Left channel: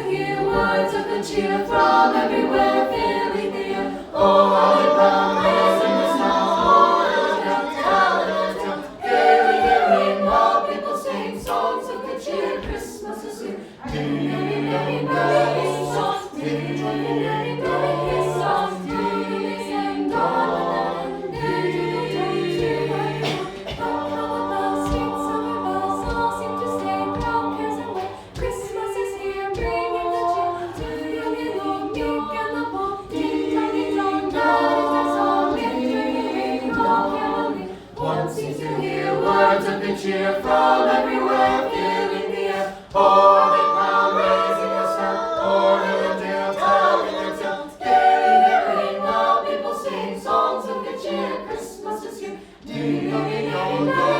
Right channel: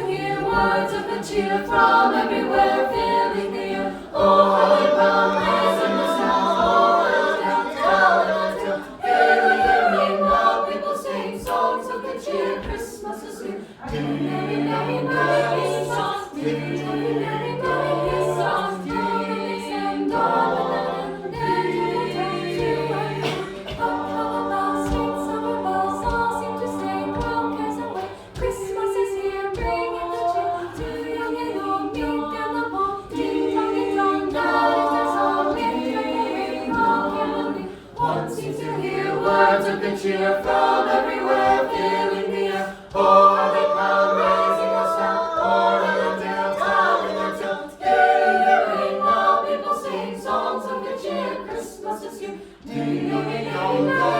to hear words of good cheer from everywhere filling the air. Oh, how they come raising the sound. Oh, little town, gaily, gaily, while people sing songs of good cheer. Christmas is here. Merry, merry, merry, merry songs. Merry, merry, merry, merry songs. Darling, sing, darling, Christmas is here, bringing the cheer to young and old, meek and the bold. Ding dong, ding dong, that is our song. Ring, ring, ring, all caroling. One seems to hear words of good cheer from everywhere, filling the air. Oh, how they come raising the sound. Oh, little tale, telling their tale. Gaily, gaily, while people sing songs of good cheer. Christmas is here. Ding dong, ding dong,